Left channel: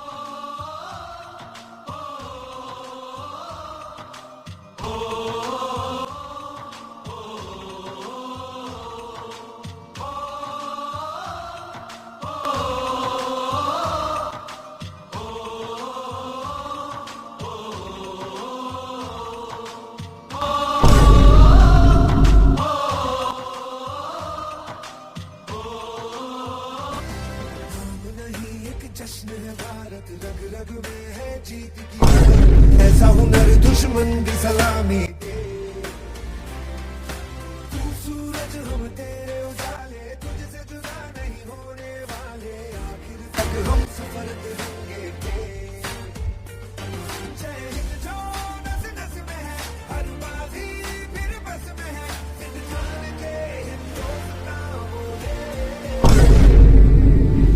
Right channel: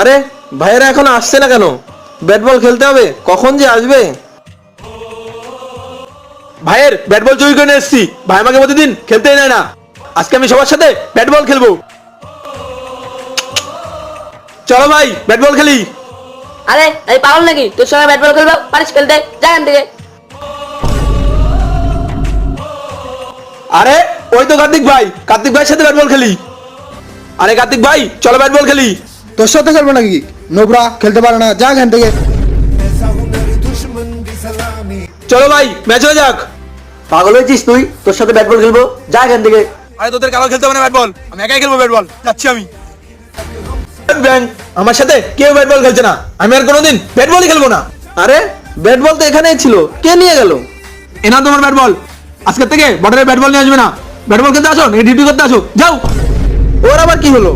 আরে ভাইয়েরা এখন আসছে না কেন? ব্যাট বল খেলতে হবে, কখন যে আসবে? ভাইয়ের ব্যাট বল চুরি করে নিয়ে এসেছি। ভাই আমাকে প্রতিদিন খেলতেই নেয় না, আজকে আমি সবার সাথে ব্যাট বল খেলবো। চলো ভাই ব্যাট বল খেলি। আরে এই পাগল নাকি? তোর সঙ্গে ব্যাট বল খেলবো? পারিস খেলতে? যা এখান থেকে। আরে ওই তো কার্তিক ভাই, কার্তিক ভাইয়ের সাথে ব্যাট বল খেলি। আরে কার্তিক ভাই চলো ব্যাট বল খেলি। তোর সাথে খেলবো নাকি? নোবরা খেলতে পারে না, যা এখান থেকে। চলো ভাই ম্যাচ হয়ে যাক। পাগল হয়েছিস তুই? তোর সাথে ব্যাট বল খেলবো, যা এখান থেকে। আরে তোদের কালো খেলতে হবে না ব্যাট বল, আমি একাই খেলবো ব্যাট বল, যাচ্ছি আমি। ব্যাং, আমার সাথে কেউ ব্যাট বল খেলছে না, আমি আর কোনোদিন ব্যাট বলই খেলবো না। আরে ব্যাট বল তো এখানেই ছিল, কে নিয়ে গেল? এনা তোমার ব্যাট বল, আজকের থেকে বর্ডারে ব্যাট বল নিয়ে আসবে না। ব্যাট বল খেলতে আসো, ডিউটি করতে আসো, যাও। ওর আবার কি হলো?